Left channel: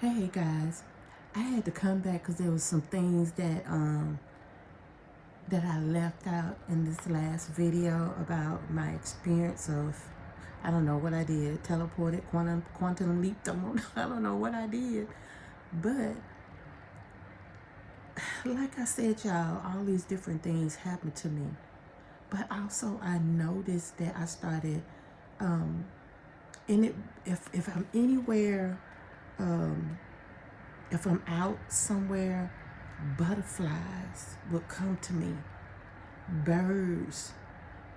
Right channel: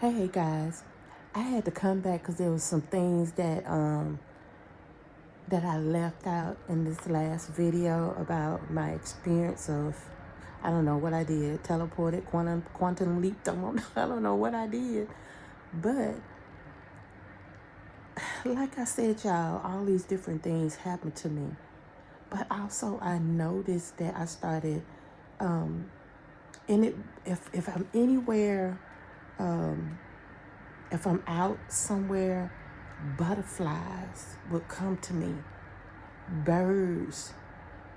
Hey guys, I had to come back because there was some things that I left out in this last video about my experience of, I don't know what I did, teleported, quantum leaped on. I don't know what I did, but like I said, y'all, all these different things happened to me. But also I noticed that I started in it. If I'm anywhere, if I'm out somewhere, butterflies would come to me. Birds,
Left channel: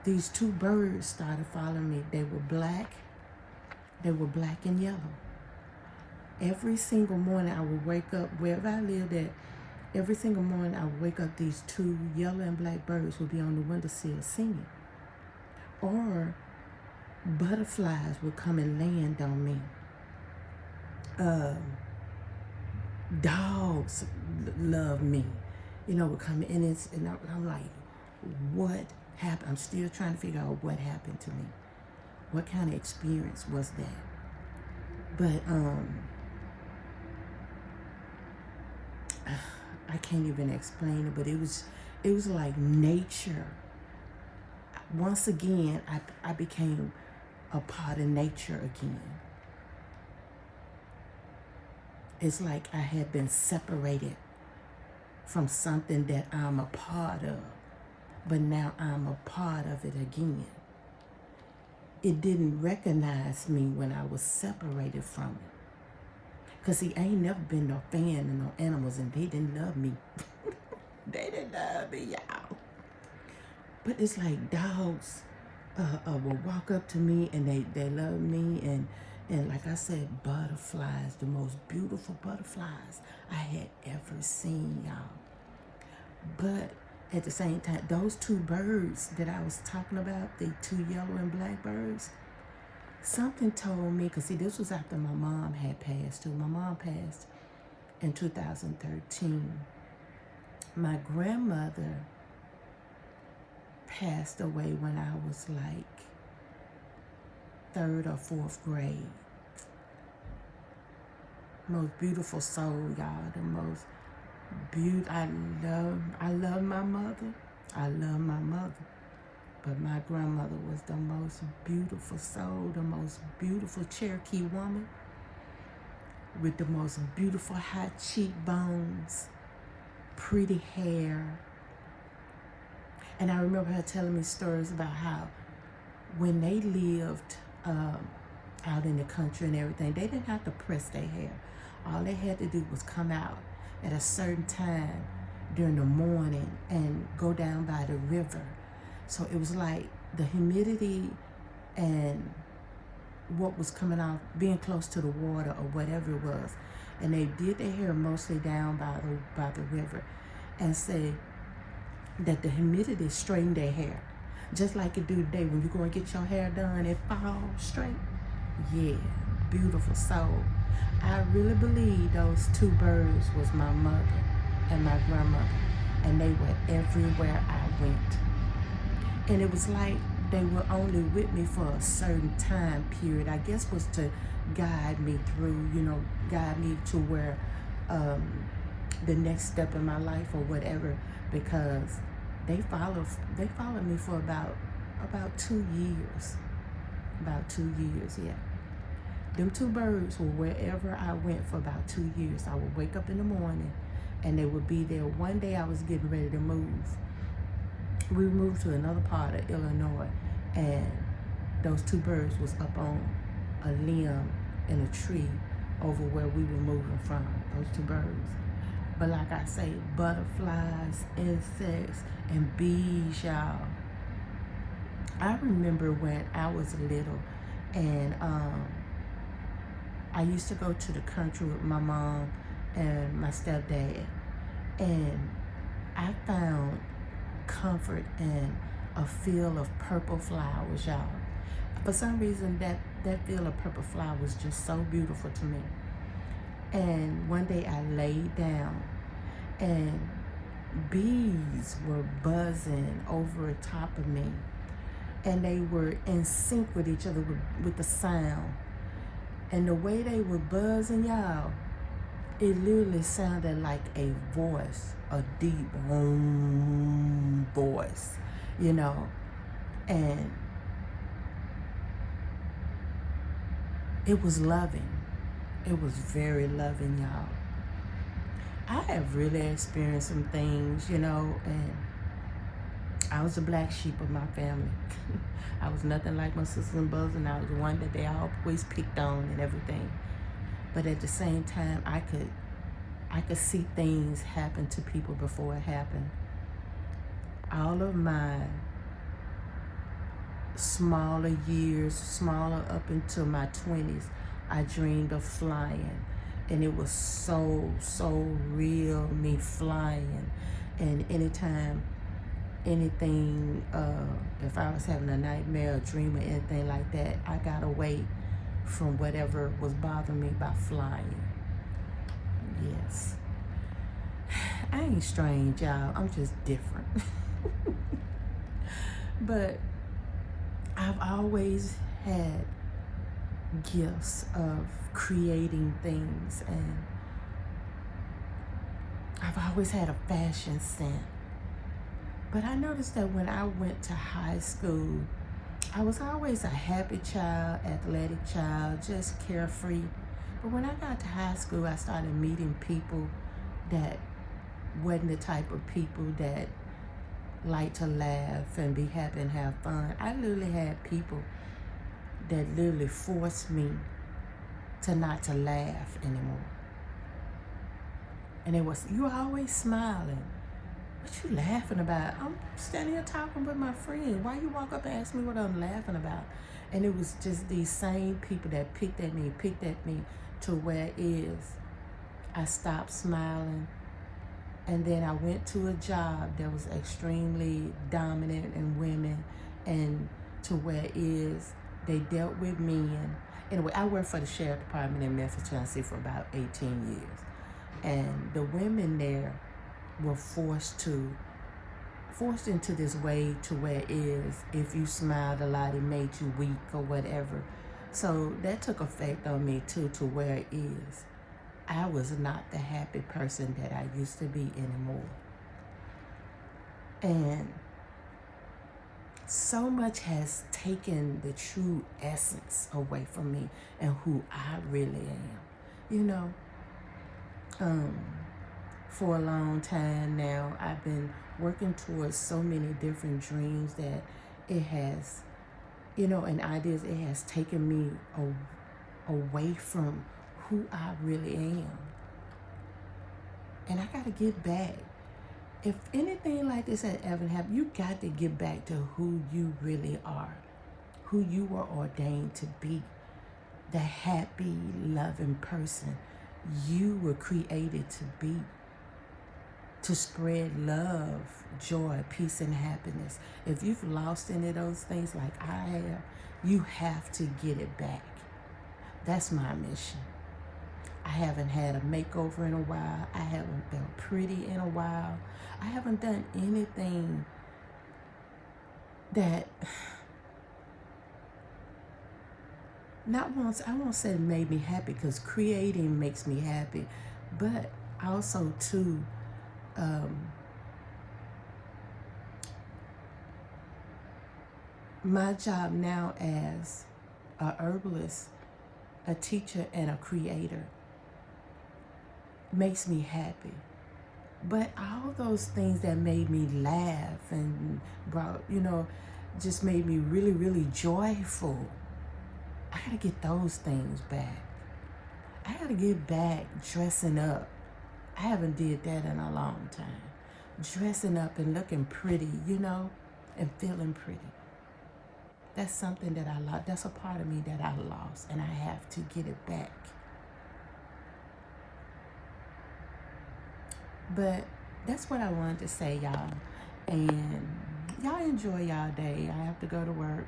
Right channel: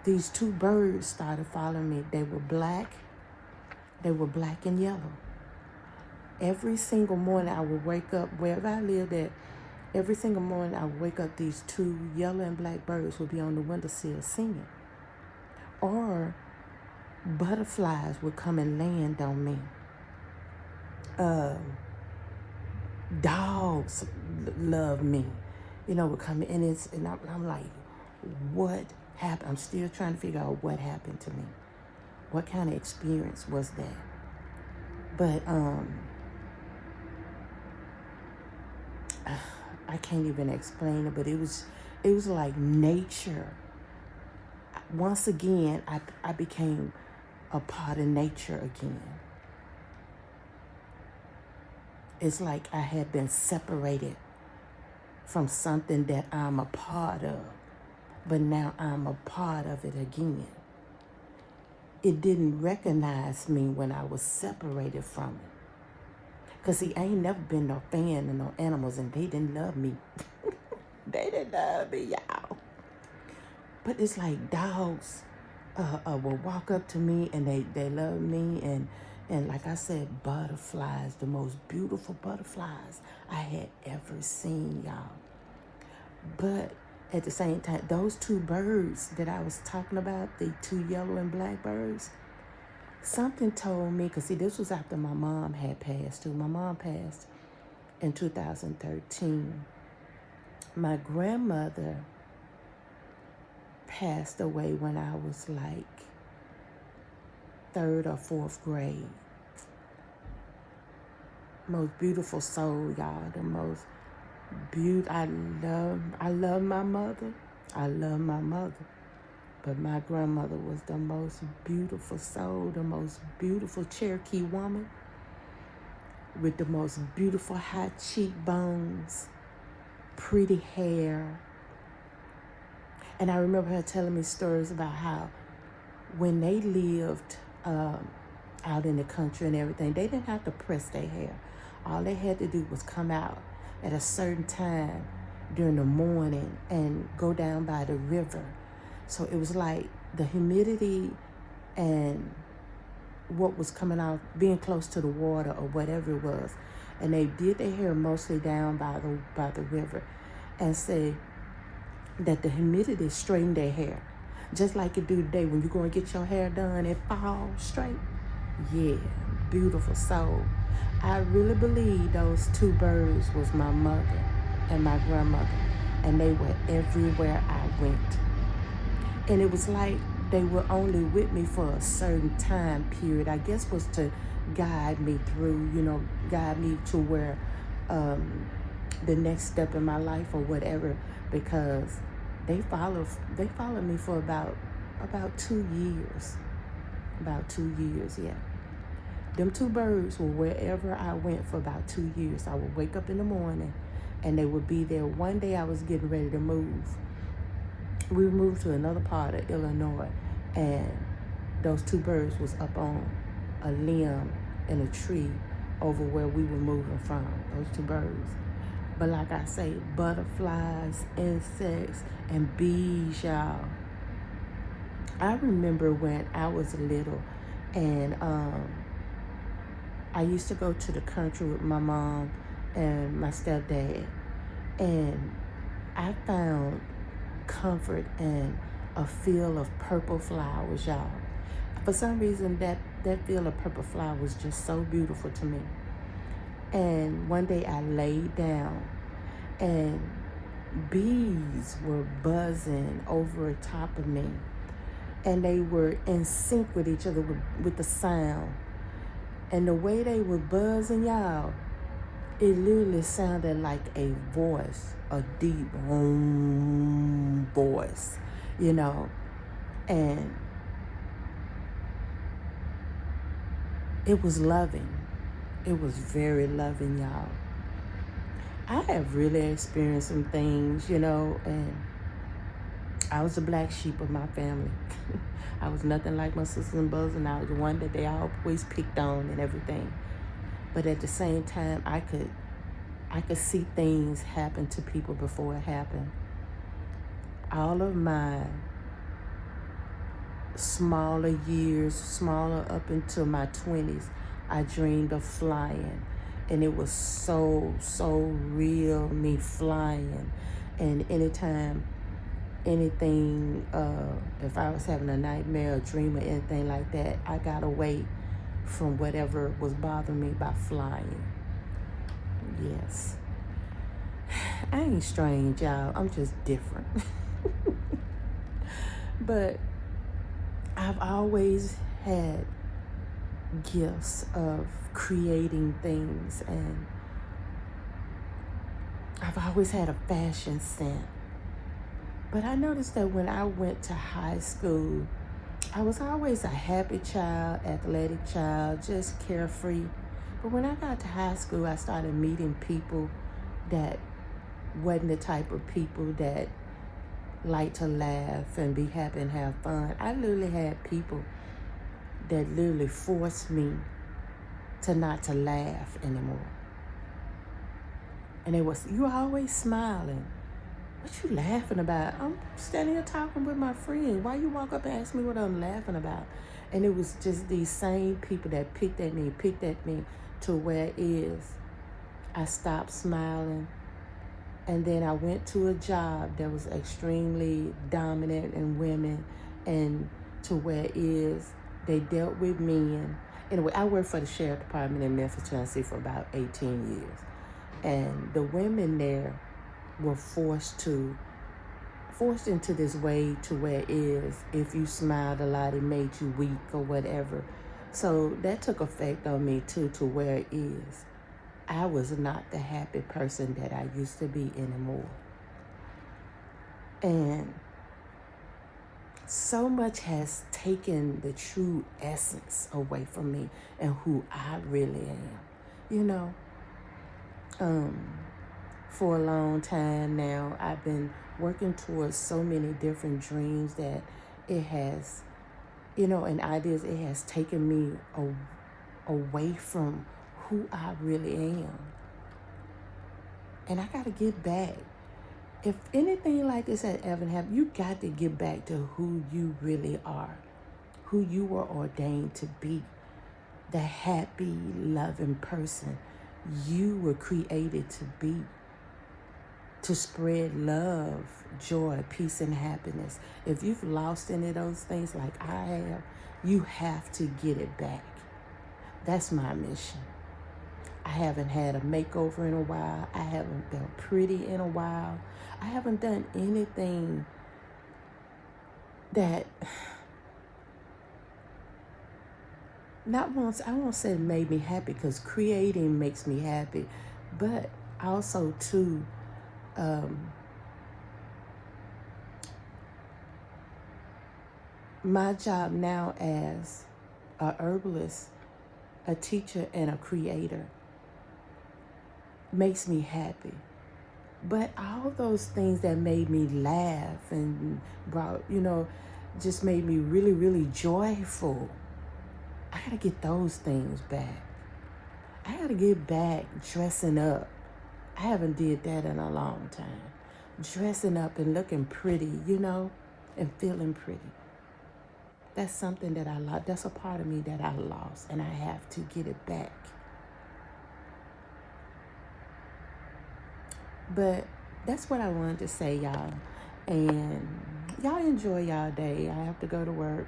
these two birds started following me. They were black and yellow. Every single morning I would wake up, wherever I lived at, every single morning I would wake up, these two yellow and black birds would be on the windowsill singing. Or butterflies would come and land on me. Dogs love me, would come in, and I'm like, what happened? I'm still trying to figure out what happened to me. What kind of experience was that? But I can't even explain it, but it was like nature. Once again, I became a part of nature again. It's like I had been separated from something that I'm a part of, but now I'm a part of it again. It didn't recognize me when I was separated from it. Because see, I ain't never been no fan of no animals, and they didn't love me. They didn't love me, y'all. But it's like dogs will walk up to me, and they love me, and like I said, butterflies, the most beautiful butterflies I had ever seen, y'all. But at the same time, those two birds that I was talking about, the two yellow and black birds, something told me, because see, this was after my mom had passed too. My mom passed in 2013. My grandmother passed away when I was like 3rd or 4th grade. Most beautiful soul, y'all. The most beautiful. I love my mother. I love my mother. But my grandmother was the most beautiful soul, the most beautiful Cherokee woman with the most beautiful high cheekbones, pretty hair. And I remember her telling me stories about how when they lived out in the country and everything, they didn't have to press their hair. All they had to do was come out at a certain time during the morning and go down by the river. So it was like the humidity and what was coming out, being close to the water or whatever it was. And they did their hair mostly down by the river, and said that the humidity straightened their hair. Just like it do today when you go and get your hair done, it falls straight. Yeah, beautiful soul. I really believe those two birds was my mother and my grandmother, and they were everywhere I went. And it was like they were only with me for a certain time period. I guess was to guide me through, guide me to where the next step in my life or whatever, because they followed me for about 2 years. About 2 years, yeah. Them two birds were wherever I went for about 2 years. I would wake up in the morning and they would be there. One day I was getting ready to move. We moved to another part of Illinois, and those two birds was up on a limb in a tree over where we were moving from, those two birds. But like I say, butterflies, insects, and bees, y'all. I remember when I was little, and I used to go to the country with my mom and my stepdad, and I found comfort and a field of purple flowers, y'all. For some reason, that field of purple flowers was just so beautiful to me. And one day I laid down, and bees were buzzing over top of me, and they were in sync with each other with the sound. And the way they were buzzing, y'all, it literally sounded like a voice, a deep voice, you know, and it was loving. It was very loving, y'all. I have really experienced some things, you know, and I was the black sheep of my family. I was nothing like my sisters and brothers, and I was the one that they always picked on and everything. But at the same time, I could see things happen to people before it happened. All of my smaller years, smaller up into my 20s, I dreamed of flying. And it was so real, me flying. And anytime anything, if I was having a nightmare or dream or anything like that, I got away from whatever was bothering me by flying. Yes. I ain't strange, y'all. I'm just different. But I've always had gifts of creating things, and I've always had a fashion sense. But I noticed that when I went to high school, I was always a happy child, athletic child, just carefree. But when I got to high school, I started meeting people that wasn't the type of people that like to laugh and be happy and have fun. I literally had people that literally forced me to not to laugh anymore. And it was, you always smiling. What you laughing about? I'm standing here talking with my friend. Why you walk up and ask me what I'm laughing about? And it was just these same people that picked at me to where it is. I stopped smiling. And then I went to a job that was extremely dominant in women, and to where it is, they dealt with men. Anyway, I worked for the sheriff department in Memphis, Tennessee for about 18 years. And the women there were forced into this way to where it is, if you smiled a lot, it made you weak or whatever. So that took effect on me too, to where it is, I was not the happy person that I used to be anymore. And so much has taken the true essence away from me and who I really am. You know, for a long time now, I've been working towards so many different dreams that it has, you know, and ideas, it has taken me away from who I really am. And I got to get back. If anything like this had ever happened, you got to get back to who you really are, who you were ordained to be, the happy, loving person you were created to be, to spread love, joy, peace, and happiness. If you've lost any of those things like I have, you have to get it back. That's my mission. I haven't had a makeover in a while. I haven't felt pretty in a while. I haven't done anything that, not once, I won't say made me happy, because creating makes me happy, but also too, my job now as a herbalist, a teacher, and a creator makes me happy. But all those things that made me laugh and brought, you know, just made me really, really joyful, I gotta get those things back. I gotta get back dressing up. I haven't did that in a long time. Dressing up and looking pretty, you know, and feeling pretty. That's something that I love. That's a part of me that I lost, and I have to get it back. But that's what I wanted to say, y'all. And y'all enjoy y'all day. I have to go to work.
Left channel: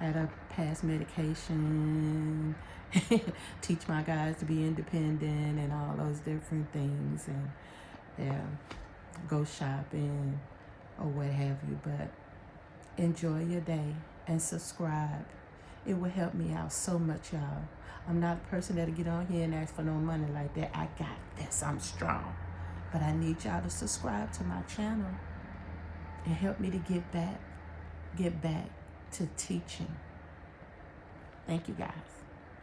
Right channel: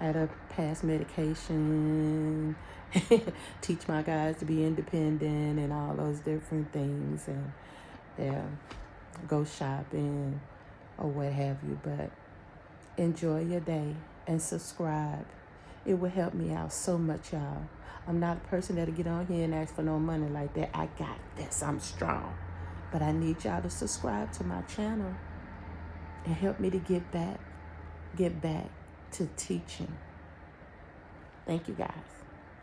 I had to pass medication, teach my guys to be independent and all those different things. And yeah, go shopping or what have you. But enjoy your day and subscribe. It will help me out so much, y'all. I'm not a person that'll get on here and ask for no money like that. I got this. I'm strong. But I need y'all to subscribe to my channel and help me to get back to teaching. Thank you, guys.